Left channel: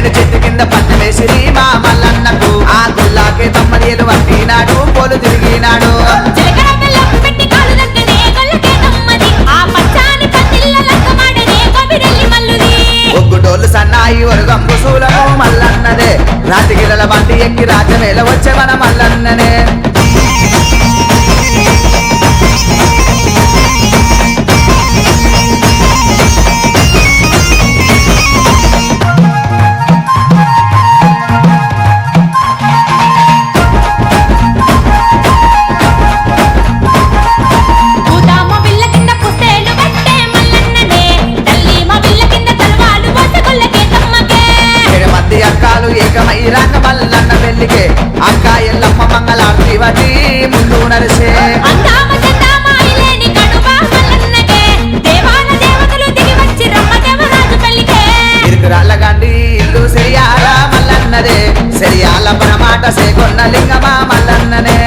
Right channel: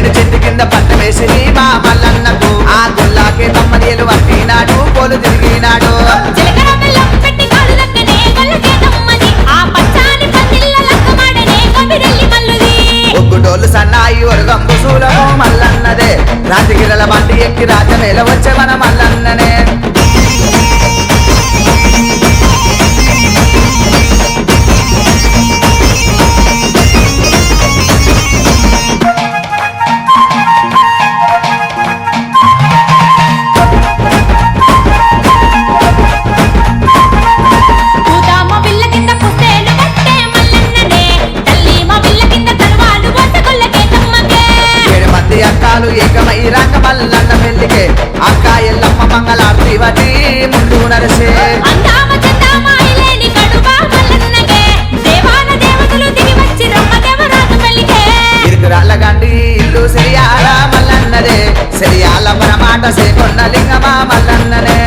ఏడు చెట్టు కింద పట్టమేసిరి మా మల్లన్నకు ఆ గొల్లాకే తమ్మదేలు పట్టినాడు పోలు తిరిగినాడు జీలకర్ర బెల్లం పెట్టి కాలు దగ్గనే గొల్లకే తమ్మది ఆ పచ్చాని పందిళ్ళ లక్కమాడనే కబిరెల్లి మల్లుది ఒగ్గుడోళ్ళు సన్నాయి ఒరుగంబు సూలము మల్లన్నదే రాతిగిరల బండి ఎక్కి రాజమేల వచ్చే మన మల్లన్ననే పూతామ విల్ల కింద పుస్తేలు పట్టే మల్లన్ననే తల్లి మా విల్ల కింద తలవాలు పోసే గొల్లకే తమ్మకే 7 మంది అక్కాలు ఏకమై రంగ మల్లన్న పెళ్లికే అక్క ఎల్లమ్మ మంగళార్తి వటి ముందు నరిసే అందామ చందామ ఇలేని కడుబా మల్లన్నకే దేవాల దేవతలు దిగి వచ్చి రమ్మ దేవరాజు పెళ్లికే ఇరుకురాళ్ళ గండి ఇల్లు సెరియాల మల్లన్నదే సెరియాల పరమాట సేకొండ లింగమా మల్లన్ననే